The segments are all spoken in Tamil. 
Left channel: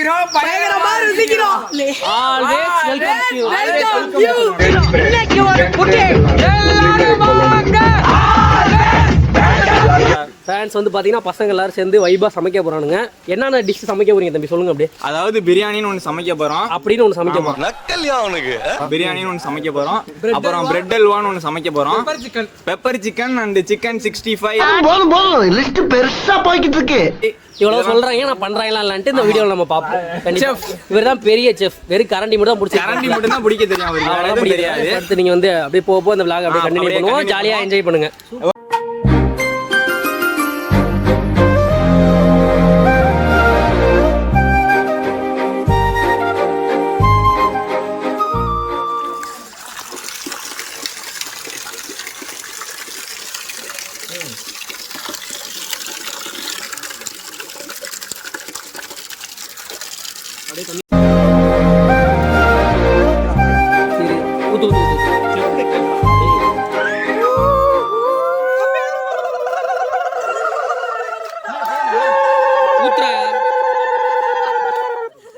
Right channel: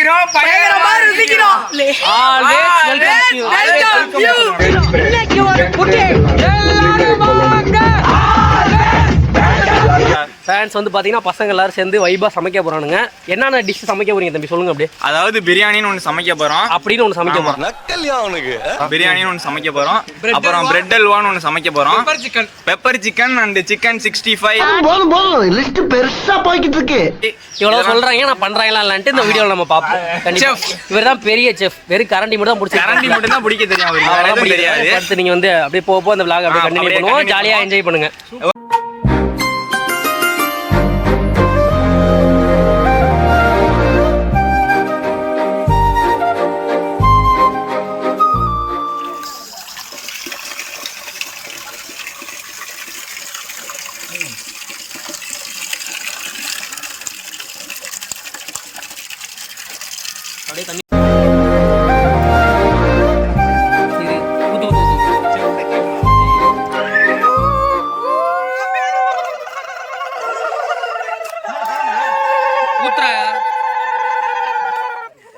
சமைக்கிறோம், பயங்கரமா ருசிக்கிறோம். இன்னைக்கு ஒரு குக்கிங் எல்லாரும் வாங்க. ஃபேன்ஸ் வந்து பாத்தீங்கன்னா பசங்க எல்லாரும் சேர்ந்து வைபா சமைக்க போறானுங்க. என்னென்ன டிஷ் சமைக்க போறீங்க தம்பி சொல்லுங்க அப்படியே. அதாவது பிரியாணின்னு ஒன்று சமைக்க போறோம். அப்படின்னு ஒன்று சமைக்க போறோம். நக்கல்யா அவனுக்கு பிரியாணின்னு ஒன்று சமைக்க போறோம். அப்புறம் பிரெட் அல்வான்னு ஒன்று சமைக்க போறோம். Pepper chicken and chicken 65. போதும் போதும் லிஸ்ட் பெருசா போய்கிட்டு இருக்கு. இவ்வளவு சொல்றாங்க, நான் பண்றாங்களா இல்லன்ட்டு இந்த வீடியோல நம்ம பாப்போம். இவர்தான் பெரிய செஃப். வெறும் கரண்டி மட்டும் தான் பிடிச்சி கரண்டி மட்டும் தான் பிடிக்க தெரியும் அவருக்கு, வேற எதுவும் தெரியாது. அடுத்து நீங்க வந்து அப்படியே போக அந்த vlog அப்படியே கண்டினியூ பண்ணுவோம். ஜாலியா என்ஜாய் பண்ணுங்க. அப்படியே தண்ணி ஊத்துறா.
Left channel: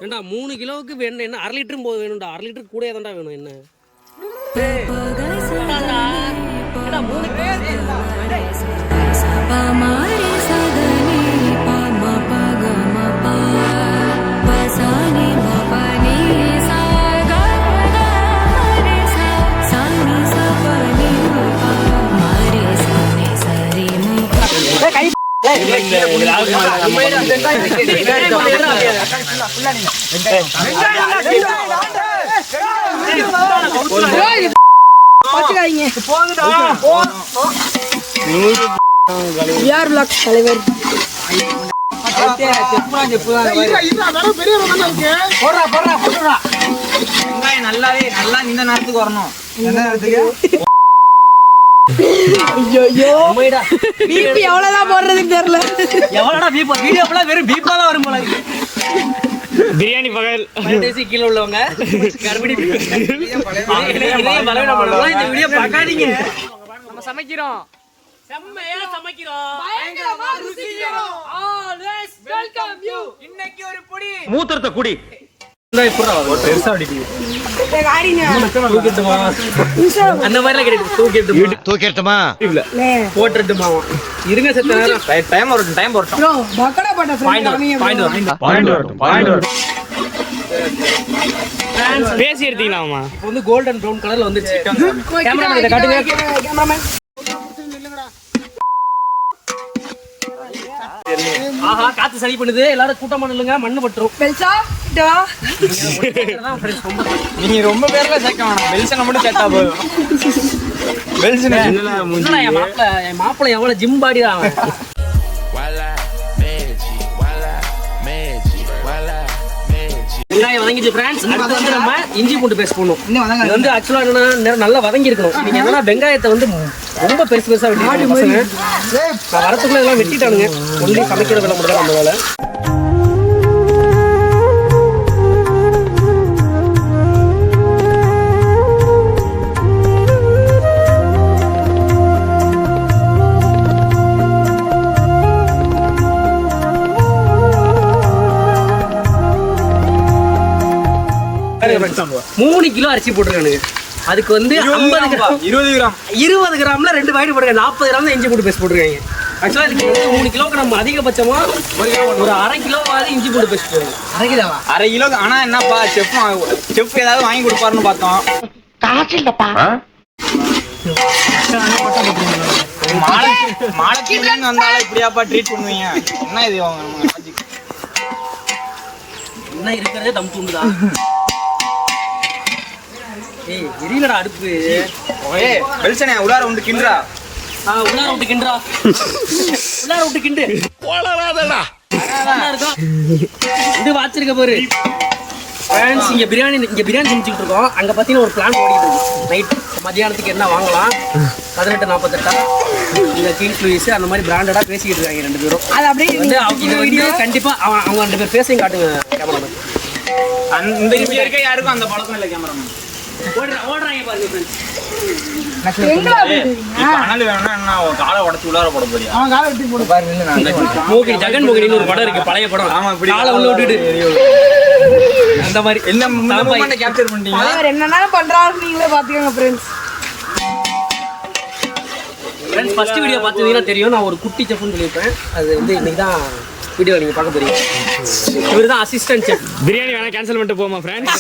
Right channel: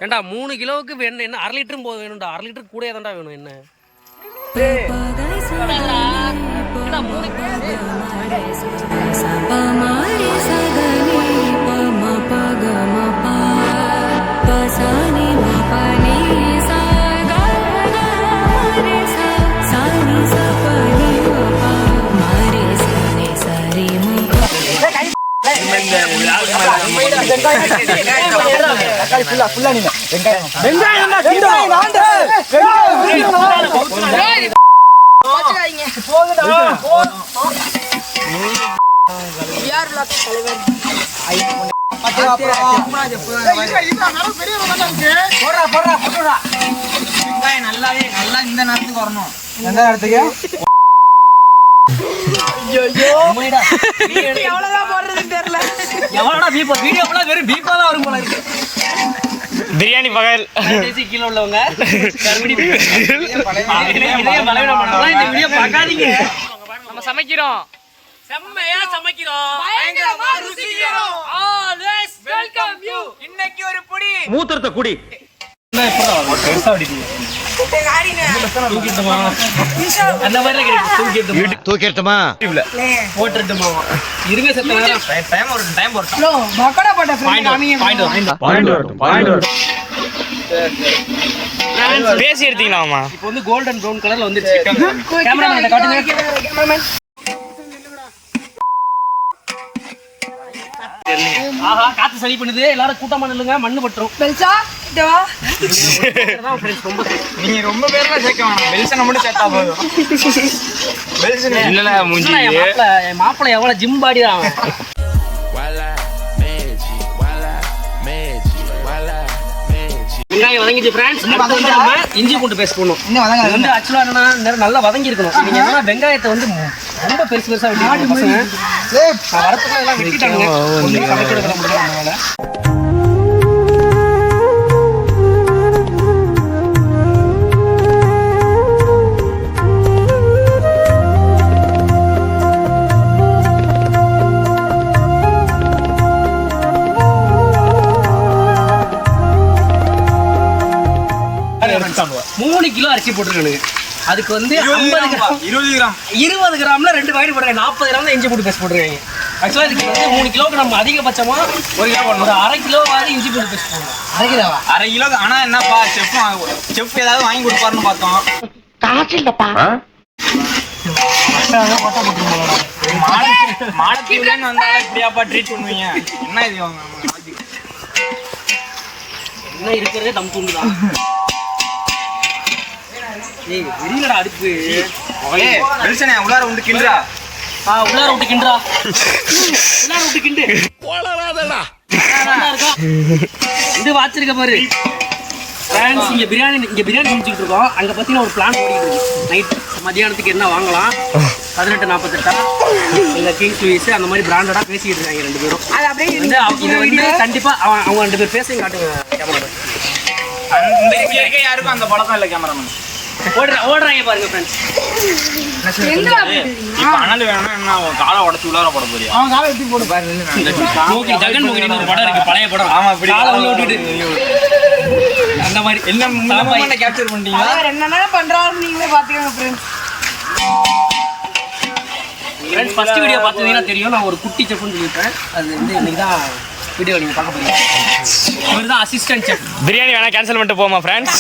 ஏண்டா 3 கிலோவுக்கு வேணும் என்ன 1/2 லிட்டரும் போது வேணும்டா. 1/2 லிட்டருக்கு கூட தான்டா வேணும். என்ன நல்லா இந்த நேரத்துக்கு வரணும். எந்த நேரத்துக்கு பிரியாணி பகல் கீழே உள்ளவங்க நம்ம சமைக்கிறோம், செம்மையா சமைக்கிறோம், இன்னைக்கு ஒரு பொடி மூத்திரத்தை குடி. அந்த மாதிரி தூக்கிட்டுமா போட்டுமா இருங்க செத்த நேரம். டைம் வரட்டும். பேசி எடுத்தீங்களாமா? இப்போ வந்து கோல்டன் ப்ரௌன் கலர்ல வந்துருச்சு. கேமராமேன் இத காட்டுங்க. ஆஹா காத்து சரி பண்ணுது. எல்லாரும் கூட்டமா நில்லுங்க, மண்ணு பட்டுரும். நீங்க ரொம்ப பேர்ல சேர்க்க வேணாம், வெல்சனை மட்டும் சேர்த்தா போதும். இல்ல மூஞ்சி என் மாப்பிள்ளை எவ்வளவு ஜிம் பாடி தான் அவன். வெங்காயம் வதங்கிச்சு ஃப்ரெண்ட்ஸ். அடுத்து வந்து நம்ம இஞ்சி பூண்டு பேஸ்ட் போடணும். இது வந்து ஆக்சுவலா என்னன்னா நல்லா வதங்கி இருக்கணும். நீங்க என்னன்னா வெங்காயத்தை வந்து ரொம்ப பெருசு பெருசா வெட்டி வரத்துக்குள்ள எல்லாம் வெட்டிட்டானுங்க. ஒன்லி சமைக்கிற வேலை மட்டும் தான் நம்ம வேலை. மூணு கிலோ அரிசி போட்டுருக்கானுங்க. அதுக்கு வந்து 50 கிராம் 20 கிராம்ல 2 பாக்கெட் போட்டுருக்காங்க. 40 கிராம் தான் இஞ்சி பூண்டு பேஸ்ட் போட்டுருக்காங்க. ஆக்சுவலா இதுக்கு வந்து 3 கிலோக்கு நம்ம அதிகபட்சமா ஒரு 1/2 கிலோவாவது இஞ்சி பூண்டு பேஸ்ட் போடணும். 1/2 கிலோ. ஆனா என்னப்பா செஃப் ஏதாவது வாங்கி கொடுப்பாருன்னு பார்த்தோம். காசு இல்லப்பா. மானத்தீவுலன்னு வந்தாலும் இப்படியாப்பா ட்ரீட் பண்ணுவீங்க? என்ன இது என்ன இருக்கிறதே தம் தூண்டுதான். ஏய் வெளியிலடா அடுப்பு. ஏய் வெல்சனே உள்ளார உண்டு கிண்டுடா. உள்ளார விட்டு கிண்டுடா. உள்ளார விட்டு கிண்டு. போலறாதடா. நல்லா இருக்கா? இது வாச்சிருக்க பாரு. ஃப்ரெண்ட்ஸ் இங்க பிரியாணி சமைச்சிட்டு இருக்கோம். அங்க பாத்தீங்கன்னா ஒரு பிளான் ஓடிட்டு இருக்கு. நைட் மத்தியானத்துக்கு என்ன வாங்கலாம் 1848 இந்த கிங்ஸ் லூயிஸ் அந்த மாதிரி பிராண்டடா பேசிக்கிட்டு இருக்காங்க ரெண்டு பேரும். இது வந்து கண்டிப்பா அவங்க 2 பேர் பேசையும் காட்டுங்க கேமரா. இந்த இருக்க யாருக்கும் அந்த பழக்கம் இல்லை கேமராமேன். ஓடுறாங்க பாருங்க ஃப்ரெண்ட்ஸ். இப்ப அனல் வேணும்னா என்ன காலை உடச்சு உள்ளார போட போறியா? அவன் காலை எடுத்து போடு பாரு நின்னு. மோகினி ஜெகன் மோகினின்னு ஒரு படம் இருக்கு, பழைய படம். ஆமா, இப்படி காலை உள்ள விட்டுட்டு அந்த மாதிரி இந்த மூமெண்ட்டை கேப்சர் பண்ணிட்டீங்களா? அவர் என்னென்ன பண்றாரு நீங்களே பாத்துக்கோங்க ஃப்ரெண்ட்ஸ். ஃப்ரெண்ட்ஸ் ஃபர்ஸ்ட் வீடியோ பார்த்தீங்கன்னா தெரியும், நான் ஒரு குட்டி செஃப்னு சொல்லியிருப்பேன். அது வந்து இன்னைக்கு தான் வீடியோ நீங்கள் பார்க்க போறீங்க. இவர் தான் அசிஸ்டன்ட் செஃப். பிரியாணி வேணா கேன்சல் பண்ணிட்டு போமா ஃப்ரெண்ட்ஸ்.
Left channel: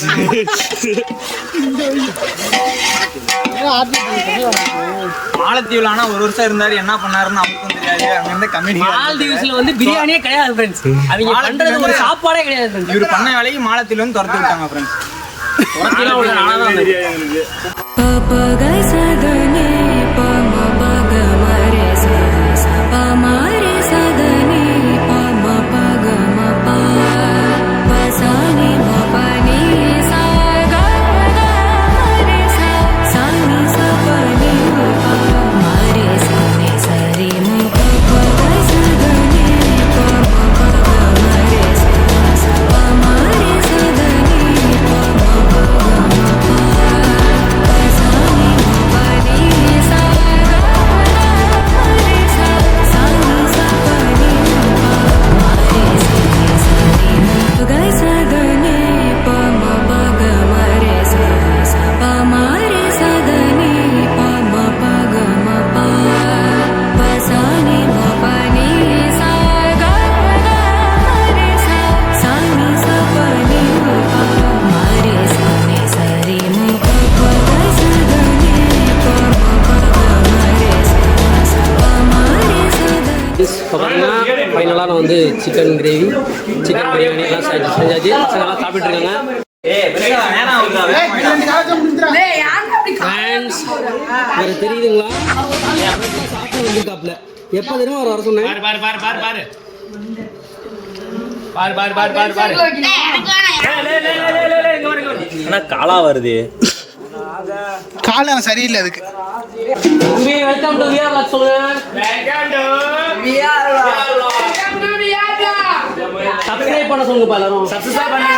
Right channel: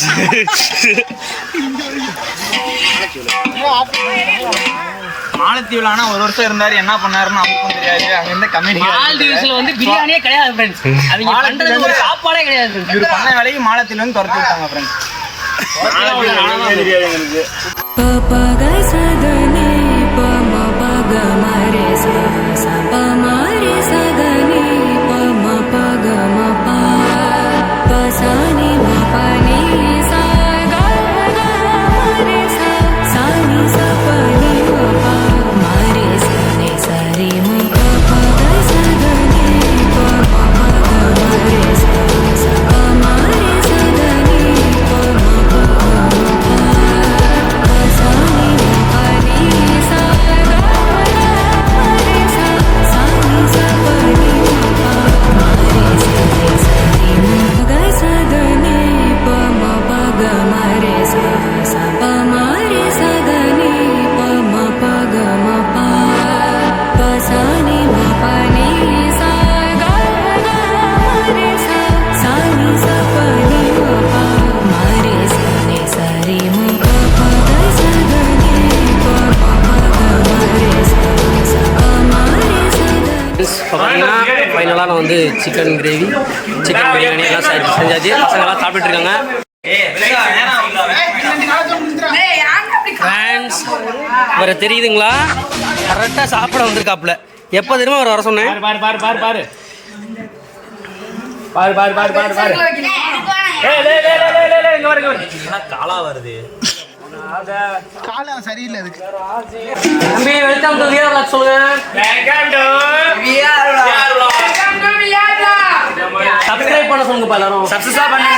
மாலத்தீவுல ஆனா ஒரு வருஷம் இருந்தாரு, என்ன பண்ணாருன்னு அவருக்கும் தெரியாது. அங்க இருந்த கம்யூனிட்டி மால்தீவ்ஸ்ல வந்து பிரியாணியே கிடையாது ஃப்ரெண்ட்ஸ். அவங்க பண்றது ஒரு சாப்பாடே கிடையாது. இவர் பண்ண வேலைக்கு மாலத்தீவுல இருந்து துரத்தி விட்டாங்க friends. Papagai sadani pama paga mare sa sa pa mare sadani pama paga ma pa pasani ma pani sa ga ga mare sa sani sa pani ma pa mare sa ne sari ma papagai sadani pama paga mare sa sa pa mare sadani pama paga ma pa pasani ma pani sa ga ga mare sa sani sa pani ma pa mare sa ne sari ma pagai sadani pama paga mare sa sa pa mare sadani pama paga ma pa pasani ma pani sa ga ga mare sa sani sa pani ma pa mare sa ne sari ma pagai sadani pama paga mare sa sa pa mare sadani. இப்போ பார்த்தீங்கன்னா ஃபைனலாக நான் வந்து சிக்கன் கிரேவி, சிக்கன் பிரியாணி எல்லாம் செஞ்சாச்சு. பசங்கள்லாம் சாப்பிட்டு இருக்காங்க. ஃப்ரெண்ட்ஸ் இவரை தெரியுதுங்களா? கரெக்டாக சாப்பிட வந்திருக்காப்புல. எப்போ தெரியுமா அவர் வர சொன்னேன்? காலா வருது. காலம் சரியில்லை அதுக்கு. தம்பி வெல்கம் டு விஆர் வ்ளாக் சொல்லுங்க. சப்ஸ்கிரைப் பண்ண சொல்லுங்கப்பா எல்லாரும். சப்ஸ்கிரைப் பண்ணுங்க.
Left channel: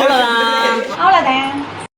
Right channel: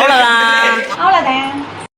அவ்வளோதான். அவ்வளவுதான்.